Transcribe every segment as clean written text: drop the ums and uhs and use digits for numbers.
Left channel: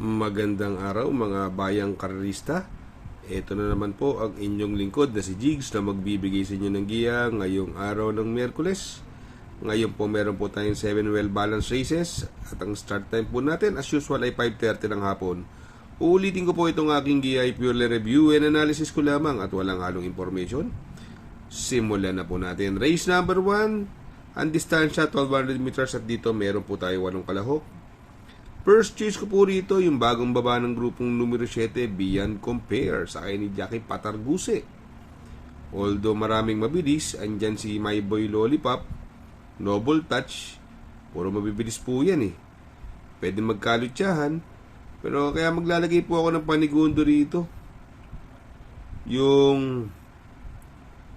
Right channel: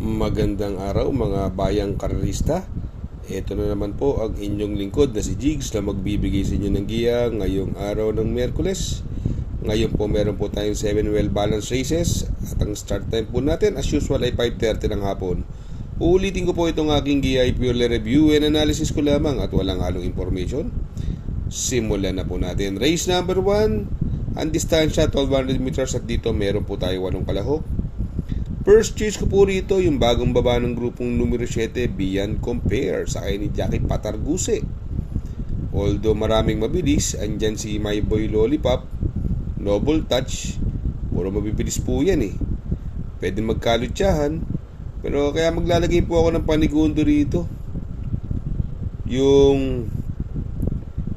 Magandang araw mga bayang karerista. Ito na naman po ang inyong lingkod na si Jigs na magbibigay sa inyo ng giya ngayong araw ng Miyerkules. Ngayon po meron po tayong 7 well balanced races at ang start time po natin as usual ay 5:30 ng hapon. Uulitin ko po itong aking giya ay purely review and analysis ko lamang at walang halong information. Simulan na po natin. Race number 1, ang distansya 1200 meters at dito meron po tayo 8 kalahok. First choice ko po rito yung bagong baba ng grupong numero 7, Beyond Compare, sakay ni Jackie Patarguse. Although maraming mabilis, andyan si My Boy Lollipop, Noble Touch, puro mabibilis po yan eh. Pwede magkalutsahan, pero kaya maglalagay po ako ng panigundo rito. Yung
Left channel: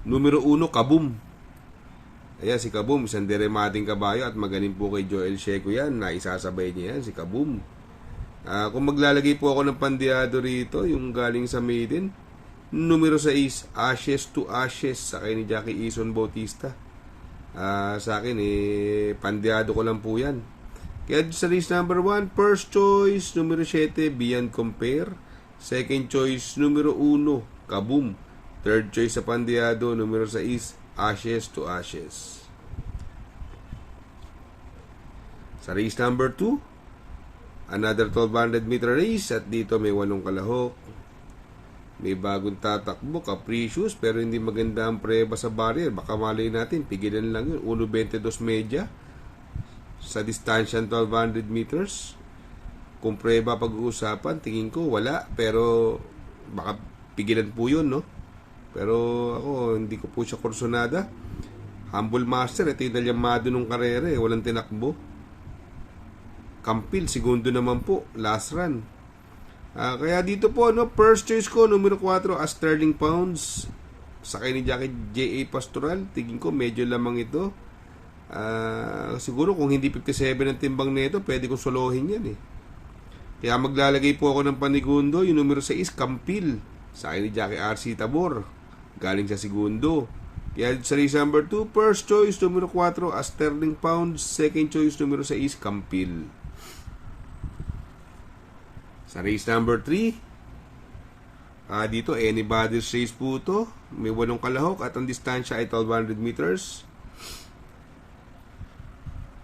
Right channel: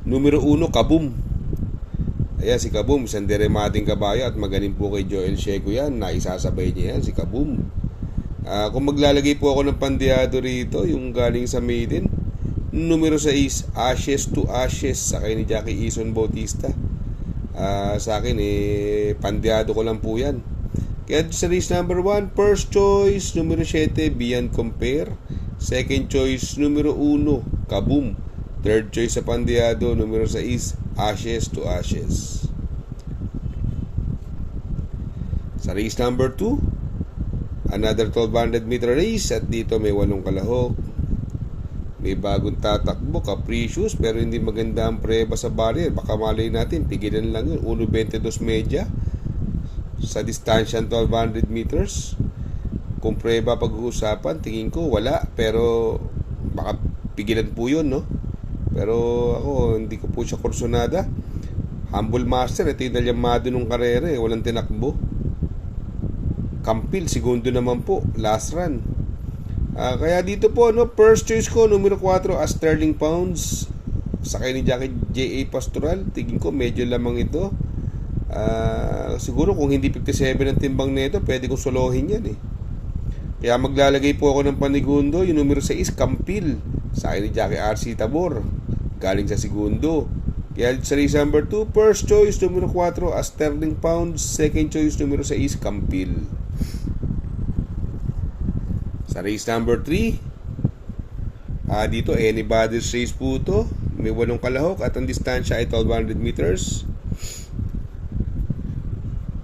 numero 1, Kaboom. Ayan si Kaboom, isang deremating kabayo at magaling po kay Joel Sheco yan. Naisasabay niya yan, si Kaboom. Kung maglalagay po ako ng pandiado rito, yung galing sa maiden, numero 6, Ashes to Ashes, sakay ni Jackie Eason Bautista. Sa akin, pandiado ko lang po yan. Kaya sa race number 1, first choice, numero 7, Beyond Compare. Second choice, numero 1, Kaboom. Third choice sa pandiado, numero 6, Ashes to Ashes. Sa race number 2, another 1200 meter race at dito may 8 kalahok. May bagong tatakbo, Capricious, pero hindi maganda ang preba sa barrier. Baka malay natin, pigilan lang yun. 1.22 media sa distansya 1200 meters. Kung preba pag-uusapan, tingin ko wala, pero baka pigilan po yun, no? Pero ako, hindi ko po siya kursonada. Humble Master, ito yung nalyamado nung karera eh. Walang tinakbo. Campil, segundo naman po. Last run. Kaya dito po, no, first choice ko, numero 4, Sterling Pounds. Sakay ni Jackie J.A. Pastoral. Tingin ko, medyo lamang ito. Siguro kung hindi 57 ang timbang nito, pwede kong solohin yan eh. Kaya maglalagay po ako ng panigundo. Yung numero 6, Campil. Sakay ni Jackie R.C. Tabor. Galing sa segundo. Kaya sa race number 2, first choice, numero 4, Sterling Pounds. Second choice, numero 6, Campil. Sa race number 3, dito, anybody's race po ito. May 8 kalahok at ang distansya ay 1200 meters.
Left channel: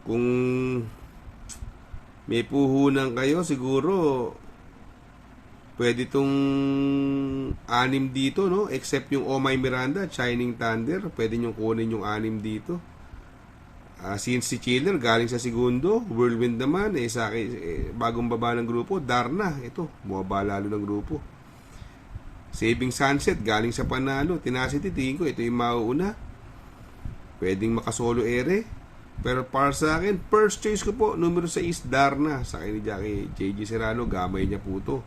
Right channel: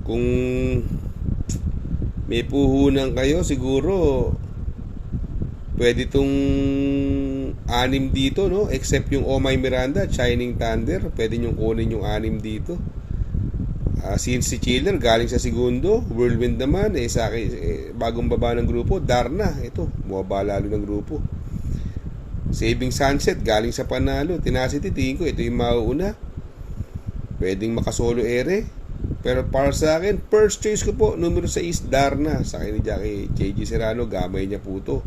Kung may puhunan kayo, siguro pwede itong 6 dito, no? Except yung Oh My Miranda, Shining Thunder, pwede nyo kunin yung 6 dito. Since si Chiller galing sa segundo, Whirlwind naman sa akin, bagong baba ng grupo, Darna, ito bumaba lalo ng grupo. Saving Sunset galing sa panalo, Tenacity, tingin ko ito yung mauuna, pwedeng makasolo ere. Pero para sa akin, first choice ko po, numero 6, Darna, sa akin ni Jackie J.G. Serrano, gamay niya po to.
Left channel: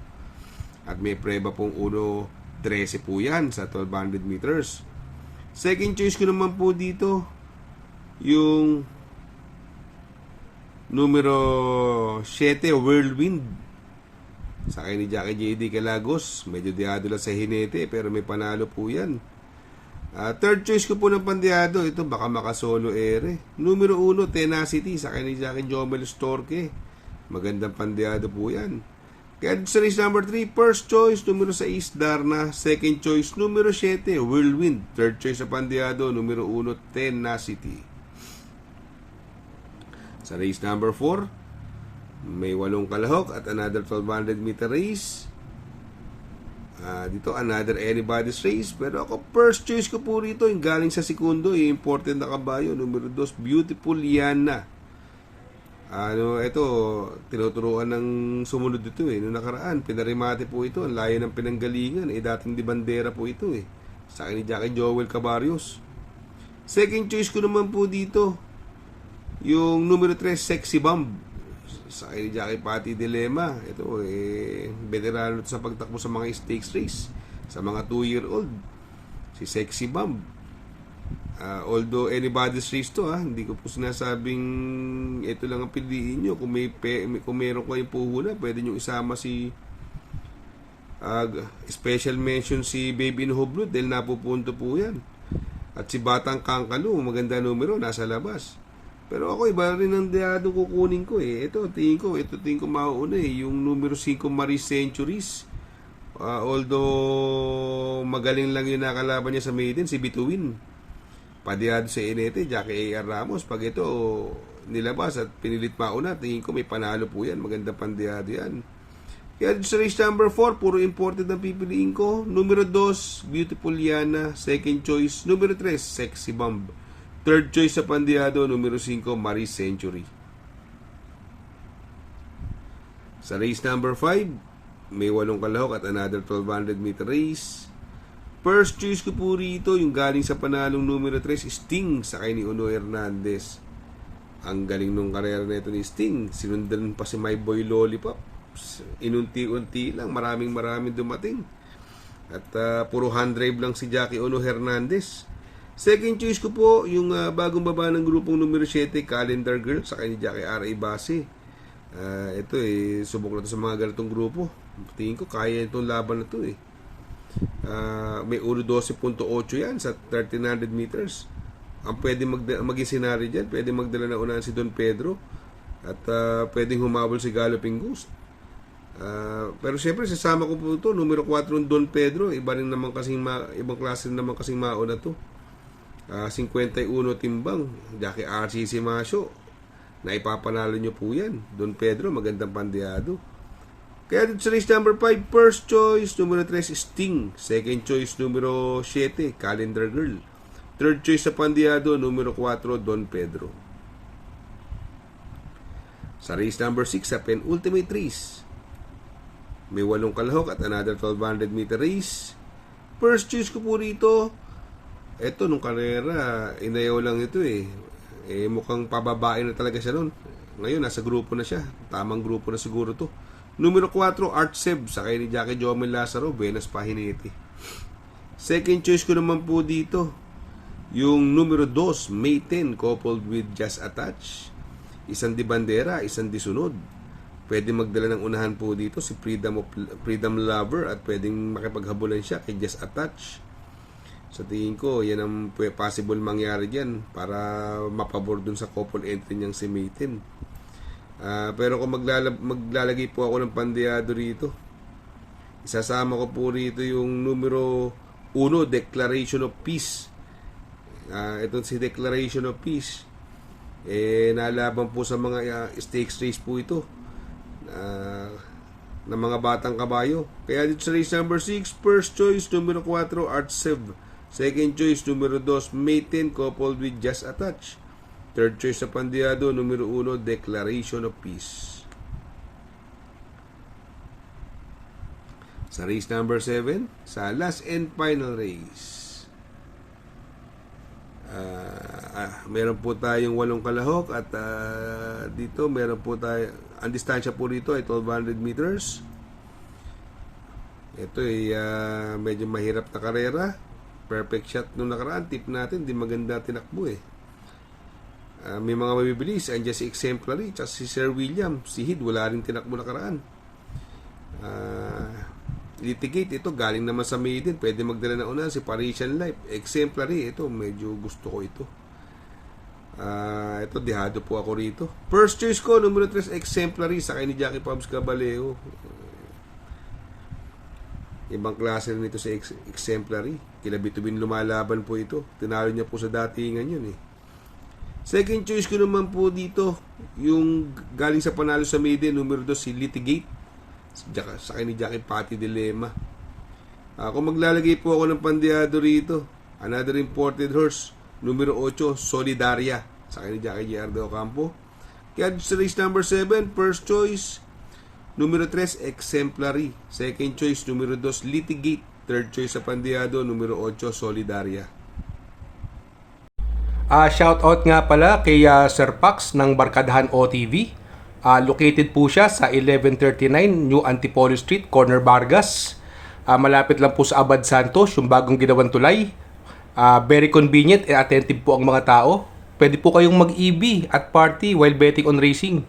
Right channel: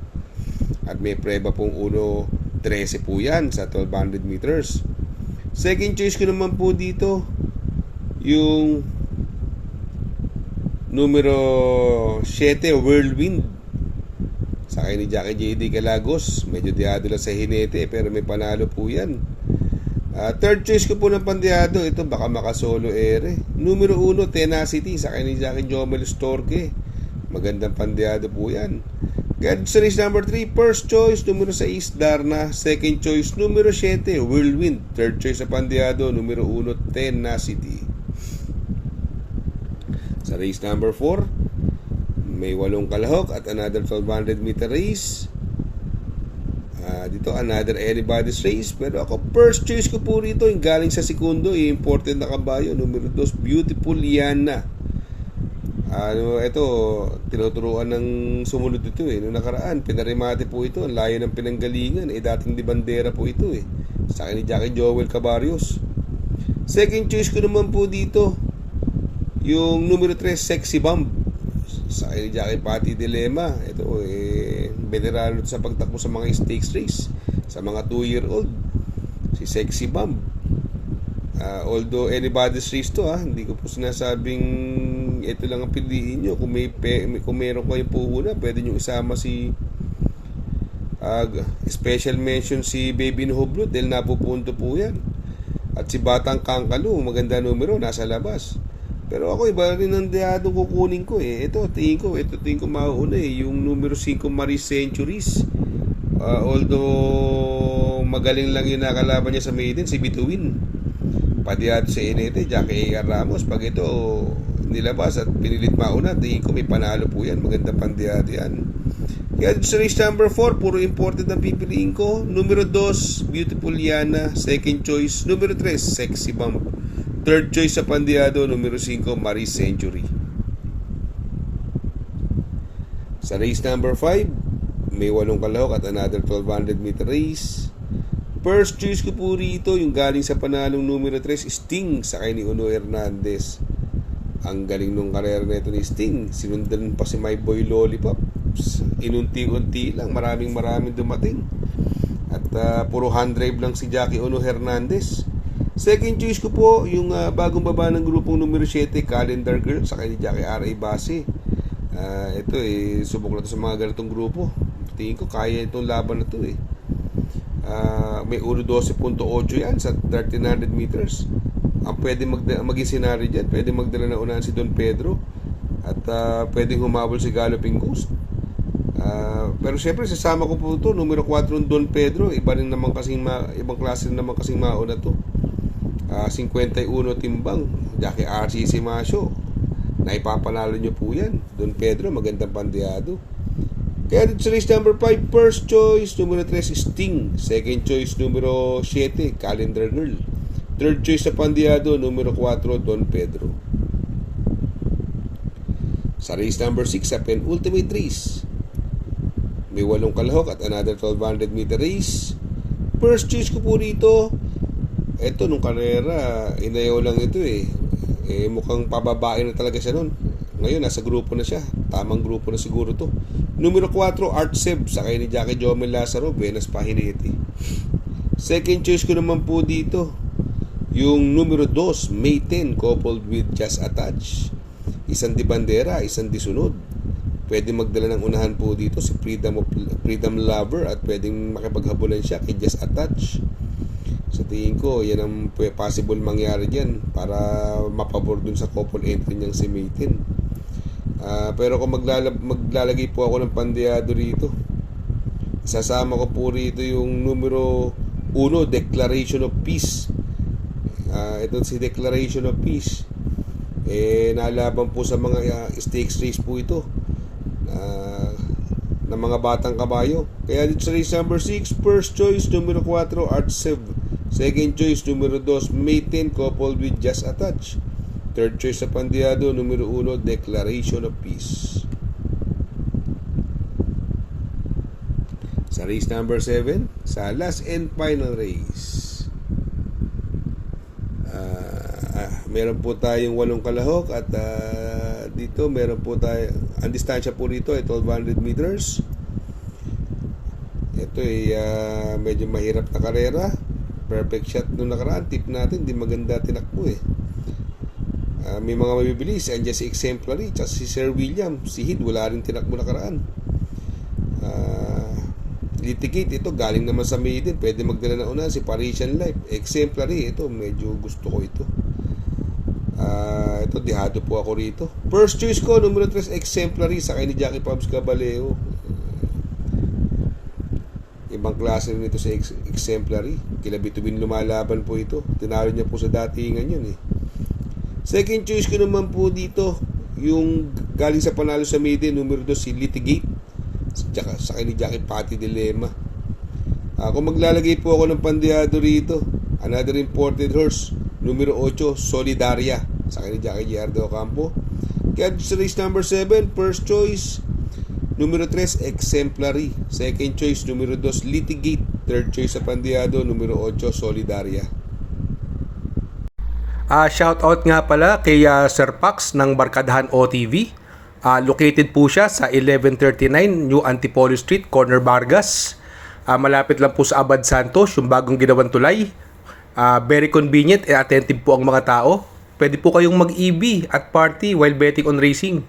At may preba pong 1.13 po yan sa 1200 meters. Second choice ko naman po dito, yung numero 7, Whirlwind, sa akin ni Jackie J.D. Calagos. Medyo diado lang sa hinete, pero may panalo po yan. Third choice ko po ng pandiado, ito baka makasolo ere. Numero 1, Tenacity, sa akin ni Jackie Jomel Storke. Magandang pandiado po yan. Kaya sa race number 3, first choice, numero 6, Darna. Second choice, numero 7, Whirlwind. Third choice sa pandiado, numero 1, Tenacity. Sa race number 4, may 8 kalahok at another 1200 meter race. Dito another anybody's race, pero ako first choice ko po rito yung galing sa segundo, yung important na kabayo, numero 2, Beautiful Yana. Ito tinuturuan ng sumunod ito eh. Noong nakaraan pinarimate po ito, ang layo ng pinanggalingan dating di bandera po ito sa akin ni Jackie Joel Cabarios. Second choice ko naman po dito yung numero 3, Sexy Bomb, sa akin ni Jackie Pati Dilema. Ito veterano sa pagtakbo sa mga stakes race sa mga 2-year-old, si Sexy Bomb. Although anybody's race to hindi ko po sinasabing ito lang ang piliin nyo. Kung meron kayong puhunan, pwede nyo isama si special mention si Baby No Hublot dahil napupunto po yan. At si Batang Kangkalu, maganda numero, nasa labas. Pero ako iba rin ang diyado kukunin ko eh. Ito tingin ko mauuna eh. Yung numero 5 Maris Centuries. Although magaling lang yung nakalaban niya sa maiden, si Bituin. Padiyado sa Enete, Jackie A.R. Ramos. Pag ito nilabas at pinilit mauna, tingin ko may panalo po yan. Maganda pandiyado yan. Kaya sa race number 4, puro imported ang pipiliin ko. Numero 2, Beautiful Yana. Second choice, numero 3, Sexy Bump. Third choice sa pandiyado, numero 5, Maris Century. Sa race number 5, may 8 kalahok at another 1200 meter race. First choice ko po rito, yung galing sa panalong numero 3, Sting, sakay ni Uno Hernandez. Ang galing nung karera nito ni Sting. Sinundan pa si My Boy Lollipop. Inunti-unti lang, maraming dumating. At puro hand drive lang si Jackie Uno Hernandez. Second choice ko po, yung bagong baba ng grupong numero 7, Calendar Girl, sakay ni Jackie R.A. Base. Ito subok na to sa mga ganitong grupo. Tingin ko kaya itong laban na to eh. May 1.12.8 yan sa 1300 meters. Ang pwede maging senaryo dyan, pwede magdala na unahan si Don Pedro at pwedeng humabol si Galloping Ghost. Pero siyempre sasama ko po ito, numero 4 Don Pedro, ibang klase rin naman kasing mauna to. 51 timbang, Jackie RCC Masyo, naipapanalo nyo po yan. Don Pedro, magandang pandiyado. Kaya dito sa race number 5, first choice, numero 3, Sting. Second choice, numero 7, Calendar Girl. Third choice sa pandiyado, numero 4, Don Pedro. Sa race number 6, sa penultimate race, may 8 kalahok at another 1200 meter race. First choice ko po rito, eto nung karera, inayaw lang ito eh. Mukhang pababae na talaga siya nun. Ngayon, nasa grupo na siya. Tamang grupo na siguro to. Numero 4, Art Seb, sakay ni Jackie Jomel Lazaro, Buenas Pahinete. Second choice ko naman po dito, yung numero 2, May 10, coupled with Just Attach. Isang di bandera, isang di sunod. Pwede magdala ng unahan po dito si Freedom Lover at pwedeng makipaghabulan siya kay Just Attach. Sa tingin ko, yan ang possible mangyari dyan para mapabor dun sa couple entry niyang si May 10. Pero kung maglalagay po ako ng pandiyado rito, isasama ko po rito yung numero 1, Declaration of Peace. Ito si Declaration of Peace, nalaban po sa mga stakes race po ito ng mga batang kabayo. Kaya dito sa race number 6, first choice numero 4, Art Sev. Second choice numero 2, May 10, coupled with Just Attach. Third choice sa pandiyado, numero 1, Declaration of Peace. Sa race number 7, sa last and final race, meron po tayong 8 kalahok at dito meron po tayo, ang distansya po rito ay 1200 meters. Ito ay medyo mahirap na karera. Perfect shot nung nakaraan, tip natin, di maganda tinakbo eh. May mga mabibilis, andyan si Exemplary, tsaka si Sir William, si Hid, wala rin tinakbo nakaraan. Litigate, ito galing naman sa maiden, pwede magdala na una si Parisian Life. Exemplary, ito medyo gusto ko ito. Ito dihado po ako rito. First choice ko, numero 3, Exemplary, sakay ni Jackie Pabs Caballeo. Ibang klase rin ito sa Exemplary. Kila Bituin lumalaban po ito. Tinalo niya po sa datingan yun eh. Second choice ko naman po dito, yung galing sa panalo sa maiden, numero 2, si Litigate. Sakay ni Jackie Pati Dilema. Kung maglalagay po ako ng pandiyado rito, another imported horse, numero 8, Solidaria, sakay ni Jackie Giardo Ocampo. Kaya sa race number 7, first choice numero 3, Exemplary. Second choice, numero 2, Litigate. Third choice sa pandiyado, numero 8, Solidaria. Shout out nga pala kay Sir Pax ng Barkadahan OTV. Located po siya sa 1139 New Antipolo Street, Corner Vargas. Malapit lang po sa Abad Santos, yung bagong ginawang tulay. Very convenient and attentive po ang mga tao. Pwede po kayong mag-EB at party while betting on racing.